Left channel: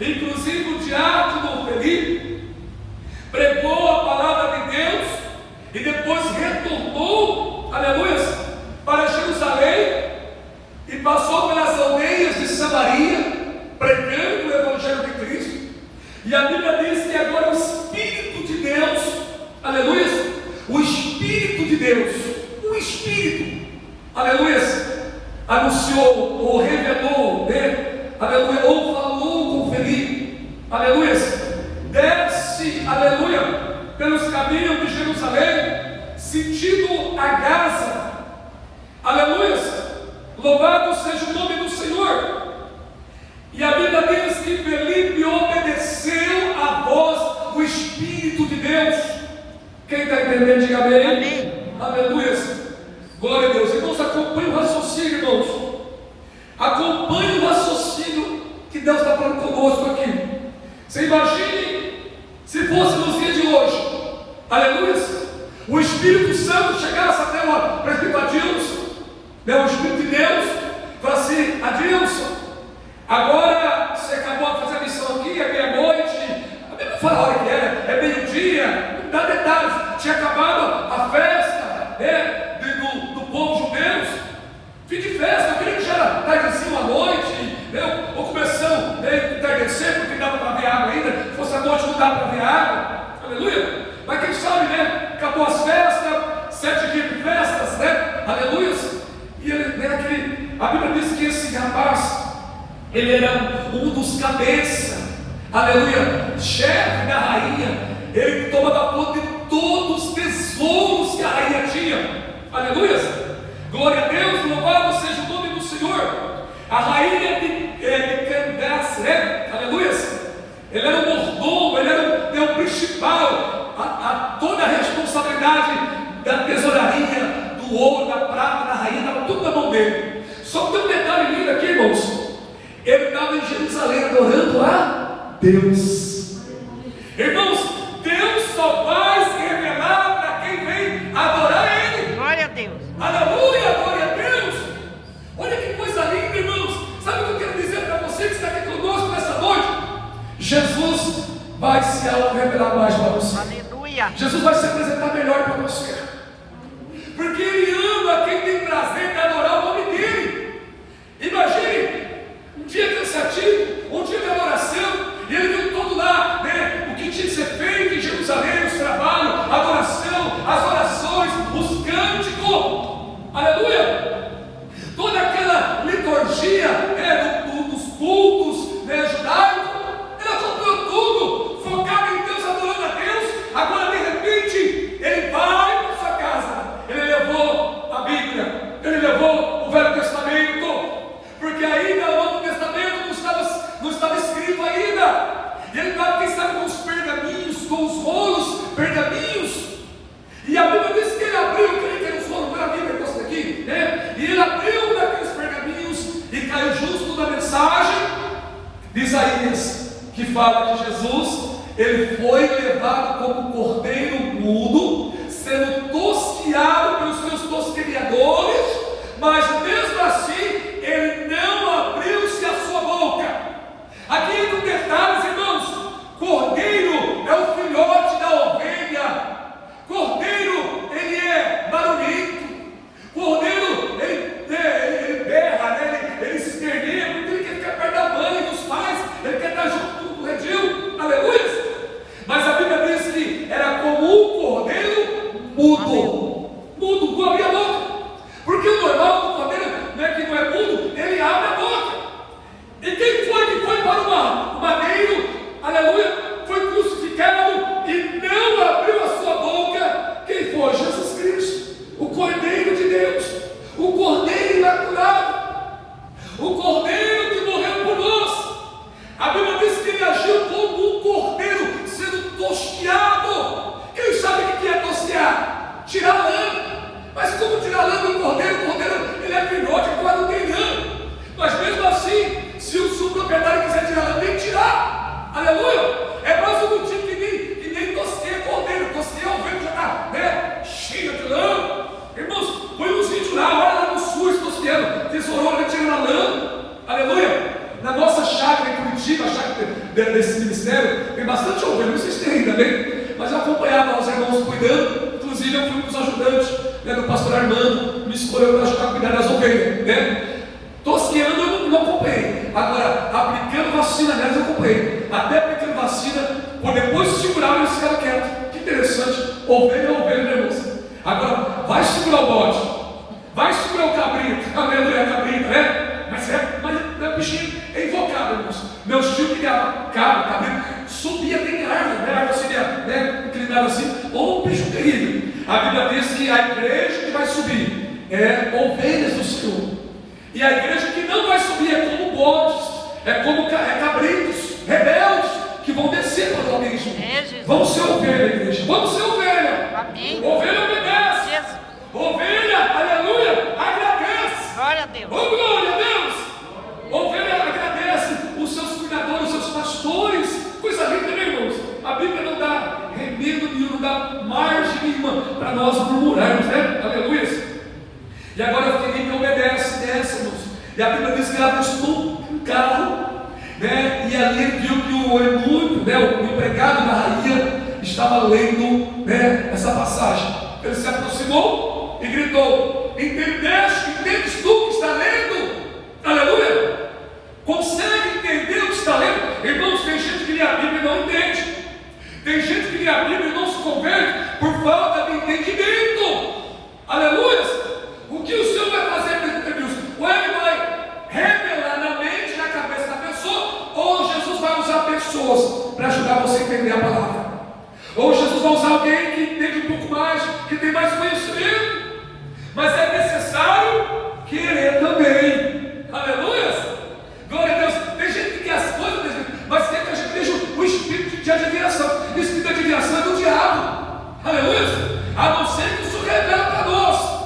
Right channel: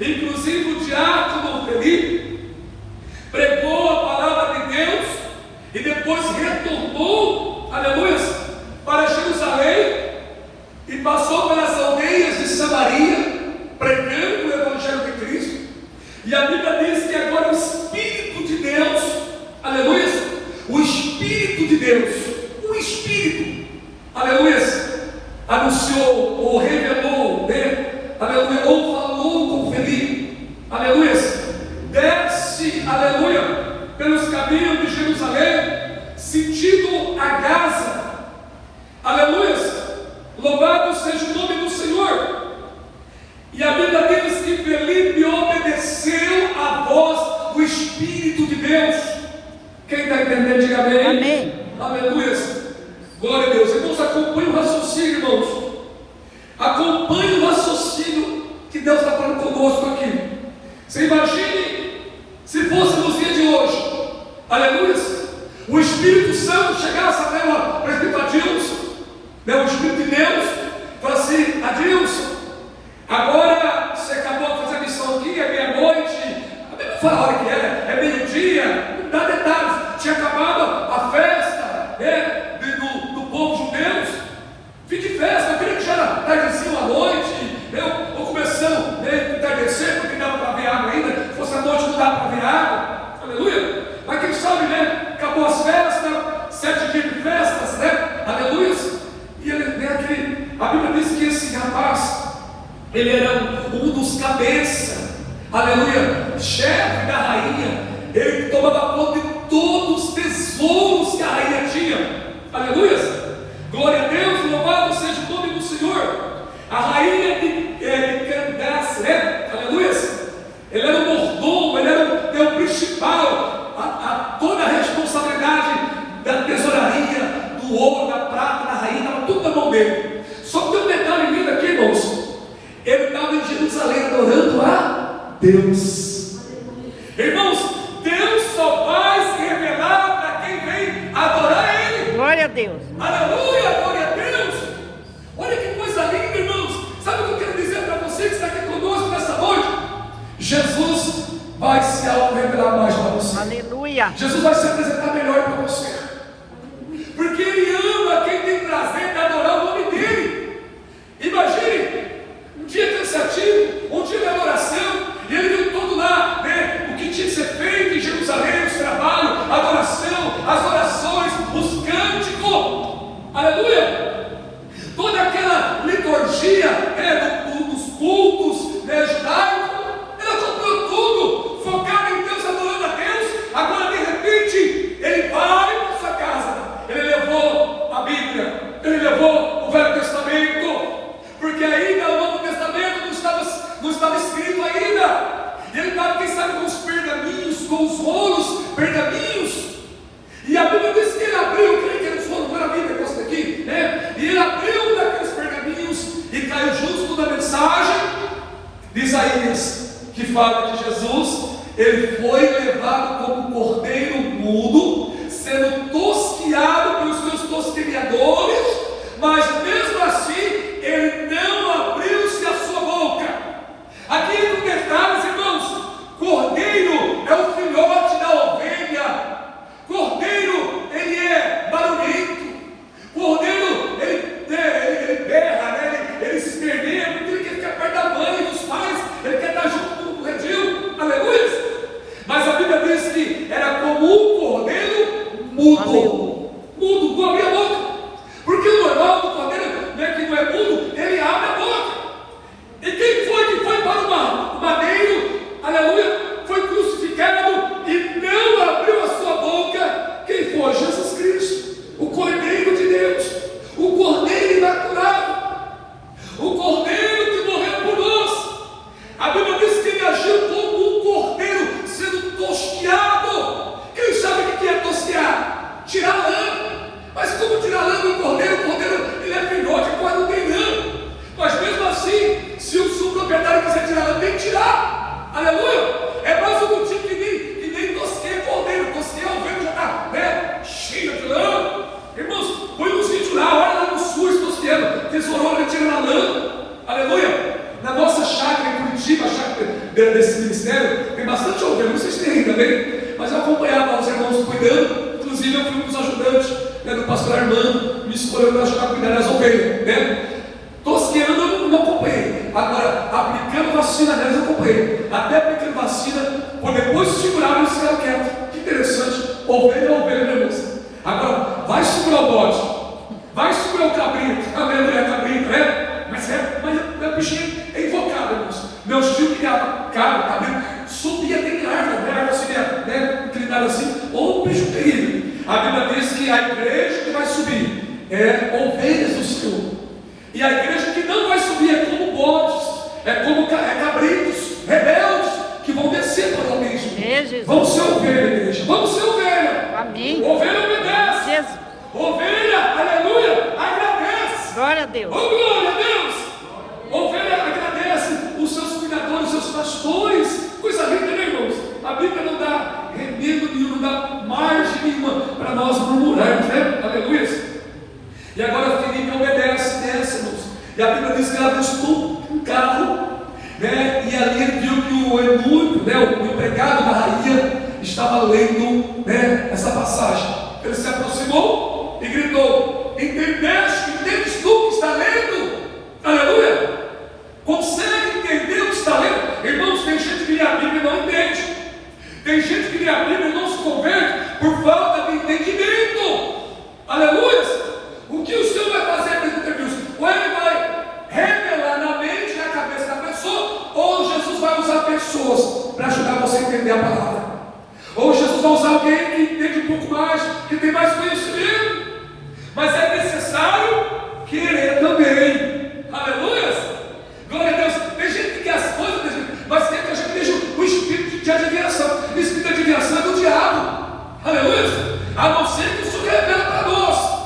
Inclusive o diácono Felipe pregou a palavra de Deus e depois retornou, aleluia, para Jerusalém e passou pelas aldeias de Samaria, pregando o Evangelho de Cristo. E a Bíblia diz que agora o Espírito de Deus, aleluia, o Espírito de Deus, o Espírito, aleluia, anunciou ou revelou, né? Aleluia, ou falou com Felipe, aleluia, desce, aleluia, pelos caminhos de Jerusalém, sentido a Gaza, aleluia, louvado seja o nome do Senhor. E a Bíblia diz que Felipe obedeceu à voz do Espírito de Deus. Quem está entendendo, diga amém. Amém. Aleluia. Glória a Deus. Irmãos, acompanhe o raciocínio, irmãos. Acompanhe o raciocínio que Deus está falando conosco aqui. Você imagine se fosse nos dias de hoje, aleluia, o Espírito Santo chegasse até o presbítero Adilson, né, o Espírito de Deus, e falasse assim: Adilson, agora você acabou de fazer a missão aqui, é meia-noite, não fala a hora que é meio-dia, não dá detalhes, tinha acabado a festa, né, do povo judeu, fim de festa, eu queria que já era tardezinho à noite, ou começando, né, entardecer, porque dava para ver água ainda, se fosse à noite não dava para ver água, aleluia, mas quem sabe, né, acabou as festas, 7 dias de festas, né, aleluia, e né, a Bíblia diz que esse rapaz, ele era um dos cabeças, aleluia, chefe da rainha, ele tomava conta de todos os tesouros que a rainha tinha, aleluia, glória a Deus, louvado seja o nome do Senhor. A rainha de Candace, né, aleluia, ele era o mordomo, ele era o principal, toda a responsabilidade da tesouraria, do ouro, da prata, da rainha, estava tudo na mão dele. Só que tem um detalhe lindo aqui, irmãos. Ele estava em Jerusalém adorando a Deus. Irmãos, Deus só vai se revelar para quem vem adorar Ele. Glória a Deus. Aleluia, glória a Deus. Olha que coisa linda, irmãos. Sabe o que eu quero dizer para você que está aqui conosco nessa noite? Jesus vai se auto-revelar mais para você. Aleluia. Jesus vai se apresentar melhor para você. Porque Ele ama quem tem prazer de adorar o nome dEle. Imagine um dia cansativo, um dia de adoração, e ele viu todo lá, né, o que tinha que ser feito em Jerusalém, os trabalhos, a adoração, as orações, os cânticos, aleluia, toda aquela liturgia, né, dos cultos, né, judaicos, ele comprou tudo, focado em Deus, adorando a Deus. Agora de repente, ele vai para sua casa, ele levou a Bíblia, ele levou o Velho Testamento, porque ainda o Novo Testamento não estava escrito ainda. E ele estava, quem sabe, com os pergaminhos, com os rolos, pergaminhos. E a Bíblia diz que ele abriu, quem tem os rolos, não era a Bíblia, negócio daqui, né? E ele abriu daqueles pergaminhos e caiu justo na mensagem de Isaías, que fala de Jesus. Ele foi levado como cordeiro mudo, sendo tosqueado pelos seus tosqueadores, mas mesmo assim, ele não abriu-se a sua boca. Aqui entra um detalhe, irmãos. Cordeiro é o filhote da ovelha. Cordeiro, ele é barulhento. Cordeiro, ele berra, né? ele se esperneia, porque ele quer ficar perto da mãe e dos pais, ele quer estar junto com o redil. Aleluia! Mas a Bíblia diz que era como um cordeiro mudo. Mudo, não abria a boca. Porque o normal do cordeiro, né, que não é mudo, ele abre a boca. E quem foi que foi para o madeiro, aleluia, foi crucificado e não abriu a sua boca? Quem foi? Jesus Cristo, o Cordeiro de Deus, o Cordeiro imaculado, o Cordeiro que morreu por nós. A Bíblia diz que ele agiu como um cordeiro sendo tosqueado. Quem sabe o que é tosquear? Tirar a lã. Mas como tirar a lã do cordeiro? O cordeiro, ele é filhote, quase não tem lã. Mas mesmo assim, se o proprietário quiser tirar a lã, tem que tirar. Aleluia! É mais um motivo que nem tosqueia cordeiro. Tosqueia a ovelha já está, né, cheia de lã. Irmãos, põe uns vídeos lá, olha lá no sul, tosqueando, tesourou, ele tirando a lã. Aleluia! Na nossa chácara em Curitiba, a chácara desse ministério, tem bastante ovelha, não sei se tem ainda bem, mas eu acompanhava os irmãos cuidando, inclusive eu fui um dos ajudantes, né, do pastor Armando, me escolheu para ajudar a cuidar das ovelhas, né? Tosqueando eu não acompanhei, agora aplicando vacina nelas eu acompanhei, até aplicando vacina, por depois de segurar eles ficaram quietos. Que interessante, ovelha, né, irmãos? Agora, vai segurar o bode, vai segurar o cabrito, a minha mulher cabrito, né? Mas o bichinho é invocado, irmãos. Meu tio criava cabrito, subia, tem árvore, né? A árvore subia, né? Inclinada assim, ou um bicho terrível. A Bíblia diz que a igreja que vai subir é ovelhas do Senhor, e a igreja que não vai subir é como bodes, é como cabritos, rebeldes, que vão descer para o abismo. Vamos ser ovelha, igreja, vamos ser ovelha. Amém. Ovelha obedece. Ovelha, aleluia, agradece. Glória a Deus. Oh, glória a Deus. Ovelha agradece os seus cuidadores, os seus pastores. Coisa linda, né, irmãos? A Bíblia não dá remédio nenhum, não dá margem nenhuma para nós murmurarmos, né? Aleluia. E agora Felipe obedece nessa, irmãos. E a Bíblia diz que ela buscou um carro, né? E ali ele viu que o eunuco, né, o empregado da rainha, estava lendo, né, essa passagem. Ele se aproximou e gritou: entendes tu o que está lendo? Aleluia! Consegue entender o que está lendo? Irmãos, tem gente que lê a Bíblia e não entende. Tem gente que lê a Bíblia e não se converte por falta de entendimento. Aleluia! O que o Senhor vai fazer, Deus? Ou Ele vai revelar na mente e na cabeça da pessoa, ou Jesus vai usar pessoas para ajudar você a entender a palavra. Ou Jesus vai usar alguém que entende um pouco mais, que tem mais conhecimento. Mas é necessário querer também. Aleluia! Glória a Deus. Tem gente que quer as coisas, mas quer que a gente deixe o espírito de adivinhação. O espírito de adivinhação é do diabo. Aleluia! A não ser que isso revela para nós.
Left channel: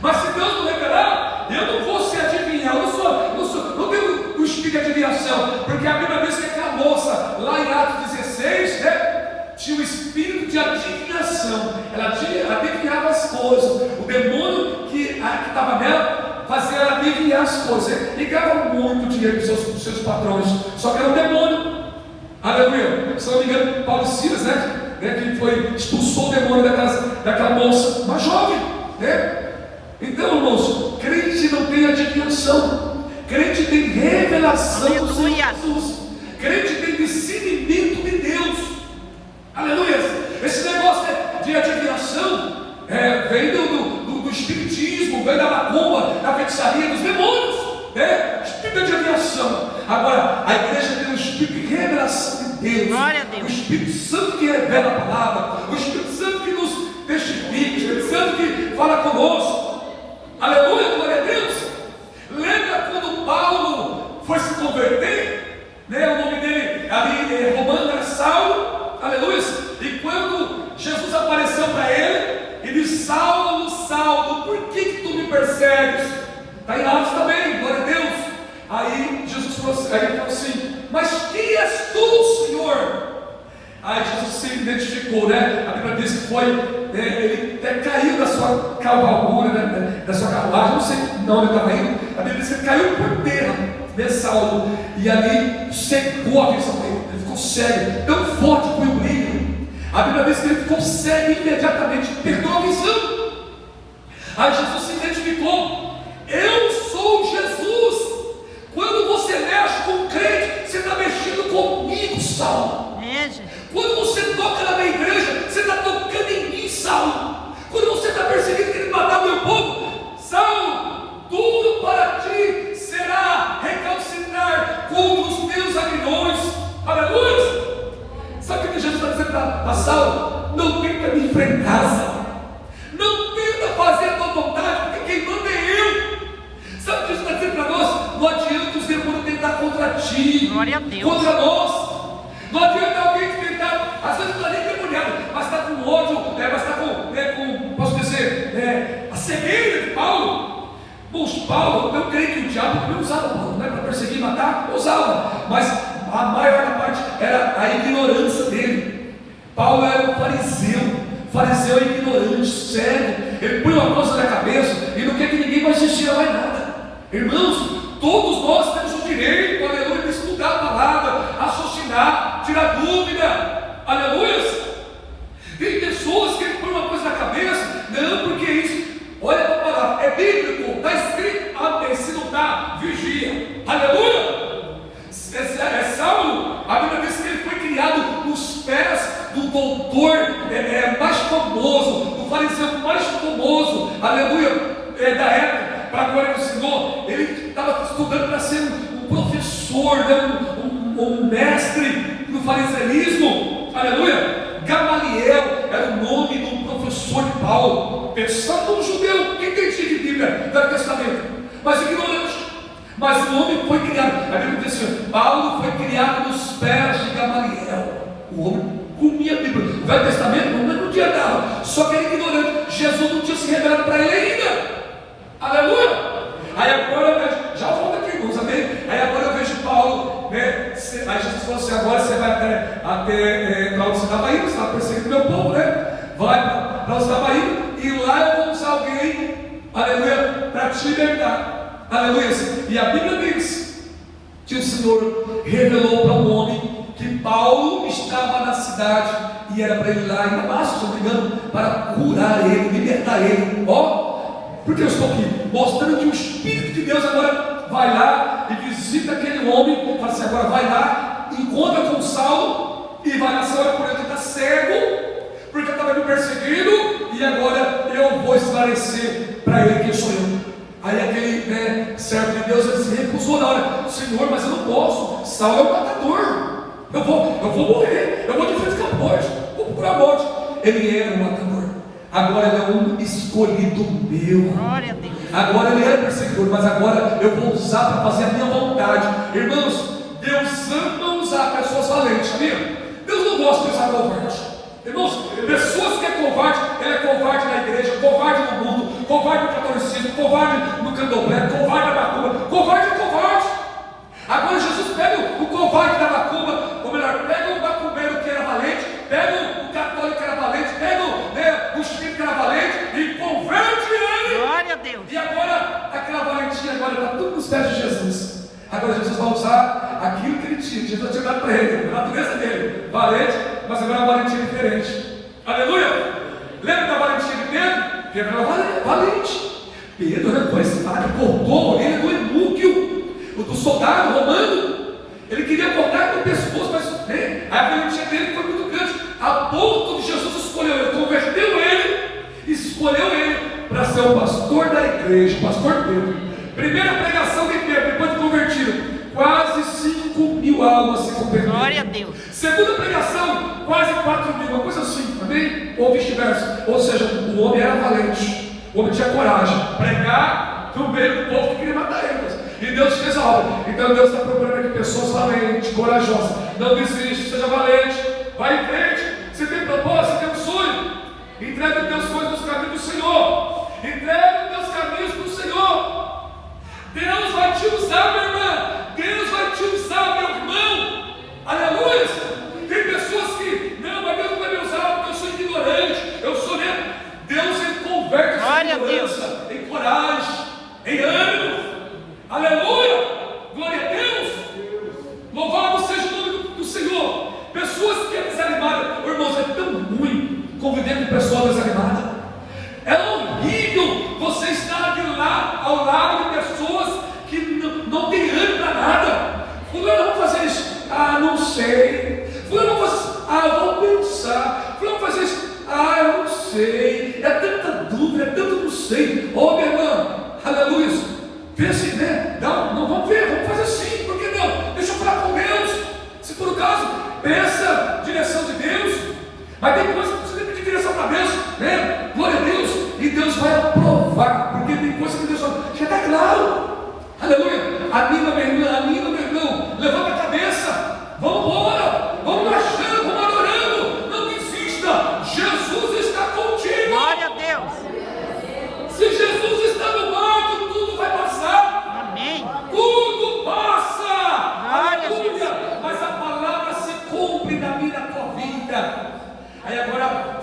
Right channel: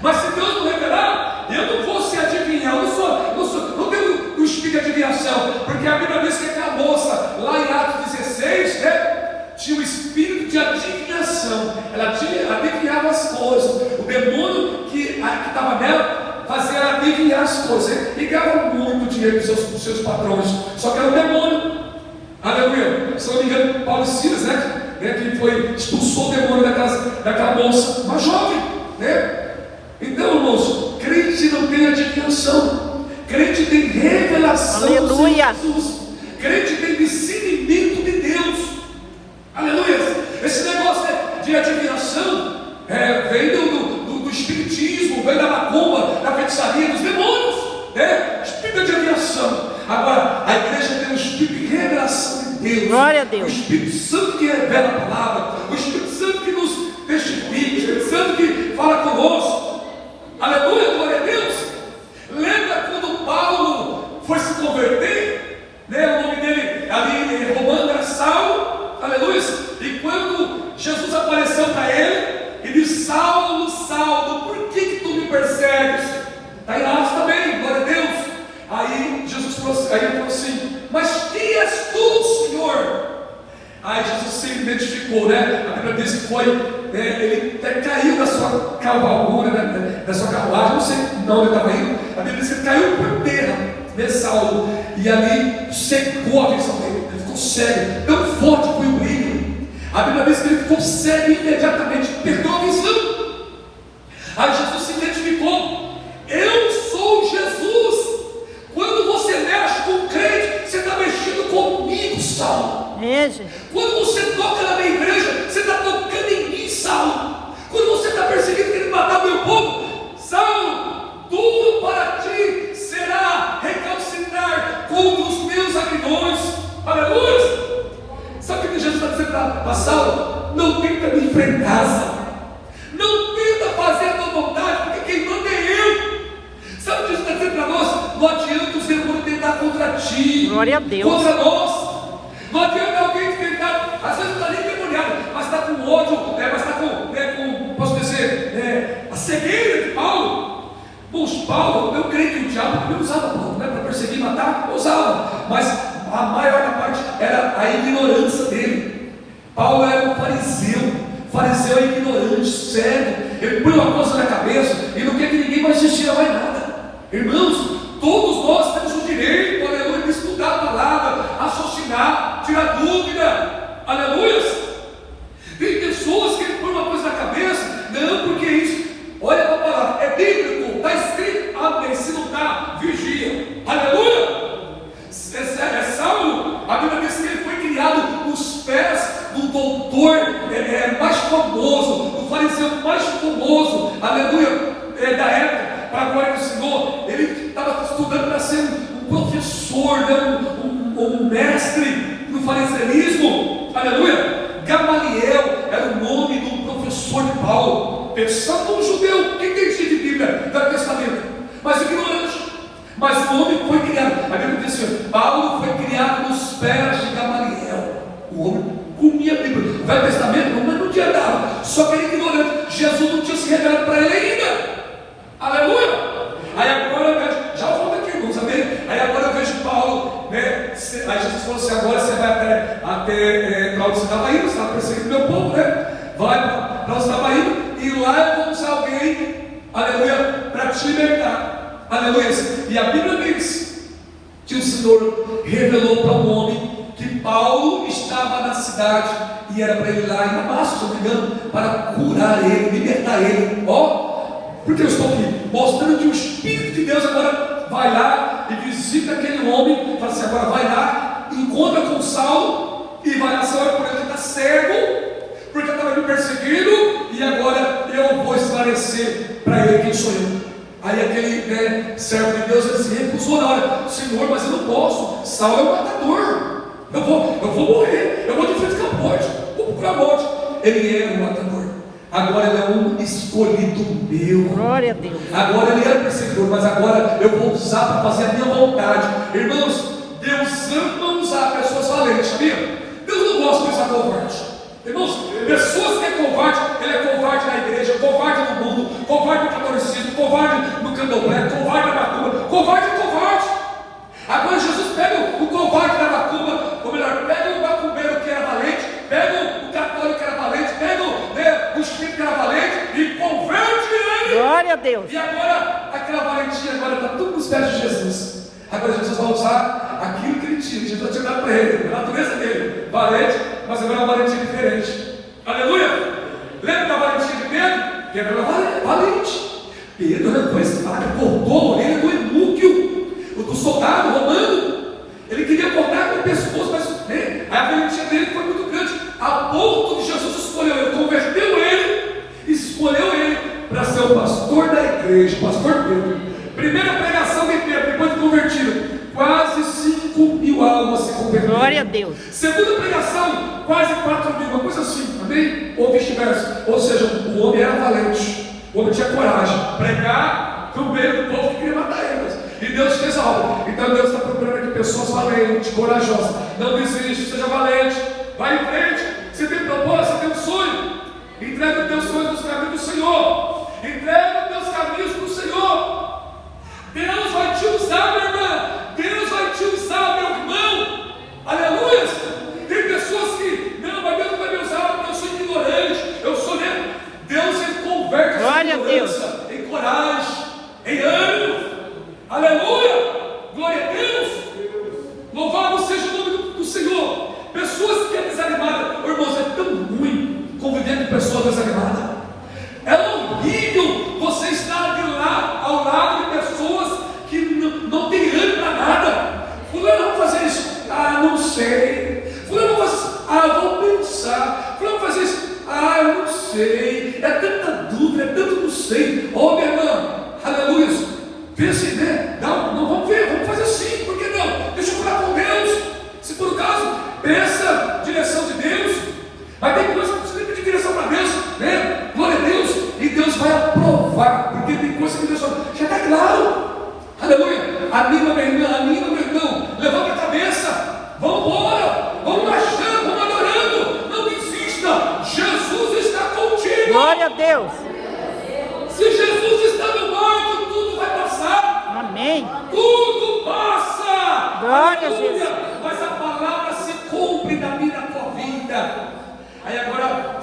Mas se Deus não revelar, eu não vou se adivinhar. Não tenho o espírito de adivinhação. Porque a Bíblia diz que aquela moça, lá em Atos 16, né? Tinha o espírito de adivinhação. Ela adivinhava as coisas. O demônio que estava nela fazia ela adivinhar as coisas. E ganhava muito dinheiro com seus patrões. Só que era um demônio. Aleluia. Se não me engano, Paulo e Silas, né? Que expulsou o demônio da casa daquela moça, uma jovem, né? Então, irmãos, crente não tem adivinhação. Crente tem revelação. Aleluia. Do Senhor Jesus. Crente tem discernimento de Deus. Aleluia! Esse negócio de adivinhação vem do espiritismo, vem da macumba, da feitiçaria, dos demônios, né? Espírito de adivinhação. Agora, a igreja tem um espírito de revelação de Deus. Glória a Deus. O Espírito Santo que revela a palavra, o Espírito Santo que nos testifica, o Espírito Santo que fala conosco. Aleluia, glória a Deus. Lembra quando Paulo foi se converter? Né? O nome dele ali em Romano era Saulo. Aleluia! E quando Jesus apareceu para ele, ele disse: Saulo, Saulo, por que tu me persegues? Está em Atos também, glória a Deus. Aí Jesus falou assim: mas quem és tu, Senhor? Aí Jesus se identificou, né? A Bíblia diz que foi, ele caiu da sua cavalgura, né? Da sua carruagem, não sei onde ele estava indo. A Bíblia diz que ele caiu por terra, né, Saulo? E ali secou a visão dele. Cego, tão forte foi o brilho. A Bíblia diz que ele ficou cego imediatamente, perdeu a visão. Aí Jesus se identificou: eu sou Jesus. Quando você mexe com o crente, você está mexendo comigo, Saulo. Quando você toca na minha igreja, você está tocando em mim, Saulo. Quando você está perseguindo querendo matar meu povo, Saulo, duro para ti será recalcitrar contra os meus aguilhões. Aleluia! Sabe o que Jesus está dizendo para Saulo? Não tenta me enfrentar, Saulo. Não tenta fazer a tua vontade, porque quem manda é eu. Sabe o que Jesus está dizendo para nós? Não adianta os demônios tentar contra ti. Glória a Deus. Contra nós. Não adianta alguém tentar, às vezes não está nem demoniado, mas está com ódio, mas está com, posso dizer, a cegueira de Paulo. Poxa, Paulo, eu creio que o diabo também usava Paulo, né, para perseguir e matar, usava, mas a maior parte era a ignorância dele. Paulo era um fariseu é ignorante, cego, ele põe uma coisa na cabeça e não quer que ninguém mais assistir mais nada. Irmãos, todos nós temos o direito, aleluia, de estudar a palavra. espada, raciocinar, tirar dúvida. Aleluia! Tem pessoas que põem uma coisa na cabeça, não, porque isso, olha a palavra, é bíblico, está escrito, amém, se não está, vigia. Aleluia! É Saulo, a Bíblia diz que ele foi criado nos pés do doutor mais famoso, do fariseu mais famoso, aleluia, da época, para a glória do Senhor. Ele estava estudando para ser um professor, né, um mestre do fariseísmo, aleluia. Gamaliel era o nome do professor de Paulo, pensando num judeu, quem entendia de Bíblia, do Testamento, mas ignorante. Mas o homem foi criado, a Bíblia diz assim, Paulo foi criado nos pés de Gamaliel. O homem comia a Bíblia, o Velho Testamento não tinha dado, só que era ignorante. Jesus não tinha se revelado para ele ainda. Aleluia! Aí agora eu vejo, já volta aqui, irmãos, amém? Aí agora eu vejo Paulo, né? Aí Jesus falou assim, agora você vai até para onde você estava indo, você está perseguindo meu povo, né? Vai para onde você estava indo, e lá eu vou usar alguém, aleluia, para te libertar. Aleluia. E a Bíblia diz que o Senhor revelou para um homem que Paulo estava na cidade e era para ele lá em Damasco, se não me engano, para curar ele, libertar ele. Ó, porque eu estou aqui mostrando que o Espírito de Deus agora vai lá e visita aquele homem, fala assim, agora vai lá, encontra com Saulo e vai nessa hora por ele que está cego, porque estava me perseguindo, e agora eu vou esclarecer para ele quem sou eu. Aí aquele servo de Deus, ele se recusou na hora, Senhor, mas eu não posso, Saulo é um matador, eu vou morrer, eu vou de frente com a morte, vou procurar a morte. Ele era um matador, agora ele é um escolhido meu. Glória a Deus. Agora ele era perseguidor, mas agora eu vou usar para fazer a minha vontade. Irmãos, Deus ama usar pessoas valentes, viu? Deus não gosta de usar covarde. Irmãos, pessoas que é covarde, ele é covarde na igreja, covarde no mundo, covarde no catolicismo, covarde no candomblé, covarde na macumba, covarde é covarde. Agora Jesus pega o covarde da macumba, ou melhor, pega o macumbeiro que era valente, pega o católico que era valente, pega o espírito que era valente e converte ele. Glória a Deus. E agora, aquela valentia agora está tudo nos pés de Jesus. Agora Jesus vai usar aquilo que ele tinha, Jesus tinha dado para ele, a natureza dele, valente, mas agora é uma valentia diferente. Aleluia! Lembra da valentia de Pedro? Pedro era valente. Pedro foi esse cara que cortou a orelha do Emúquio, do soldado romano. Ele queria cortar com o pescoço, mas a valentia dele foi muito grande, a ponto de Jesus escolheu ele, converteu ele, escolheu ele para ser o pastor da igreja, o pastor Pedro. Primeira pregação de Pedro, depois de convertido, quase 5.000 almas se converteram. Glória a Deus. Segunda pregação, quase 4.000, uma coisa assim, amém? Ou vice-versa. Ou seja, o homem era valente, o homem tinha coragem, pregar no meio do povo que queria matar eles. E Deus fez a obra. Então Deus está procurando aqui pessoas valentes, corajosas. Não desiste, seja valente, vai em frente. Você tem propósito, você tem um sonho. Entrega os teus sonhos nos caminhos do Senhor. Entrega os teus caminhos para o Senhor. Deus vai te usar, minha irmã. Deus vai te usar, meu irmão. Aleluia. Tem pessoas que, não, mas Deus não vai me usar porque eu sou ignorante, eu sou lento. Deus, ele converte essa ignorância em coragem, em ânimo. Aleluia. Glória a Deus. Louvado seja o nome do Senhor. Pessoas que é desanimada, oh, irmãos, é tão ruim conviver com pessoas desanimadas. É horrível você estar de lá, ao lado de pessoas que não tem ânimo para nada. Fulano, vamos fazer isso? Ah, não sei. Fulano, vamos fazer isso? Ah, eu vou pensar. Fulano, vamos fazer isso? Ah, eu não sei. É tanta dúvida, é tanto não sei. Ô, minha irmã, aleluia. Pense, né? Não, vamos ver, vamos fazer sim. Por que não? Deixa eu falar com Deus. Se por acaso, peça direção de Deus. Mas tem coisa que você pedir direção para Deus, né? Glória a Deus. E Deus vai aprovar, porque tem coisa que Deus fala, já está claro. Aleluia. Anima, meu irmão, levanta a cabeça. Vamos embora, vamos marchando, vamos adorando. Não desista, Jesus está contigo. Glória a Deus. Se Jesus está no barco, tudo vai passar. Amém. Tudo passa. Glória a Deus. Mas a palavra se cumpre na minha tua vida. Aí agora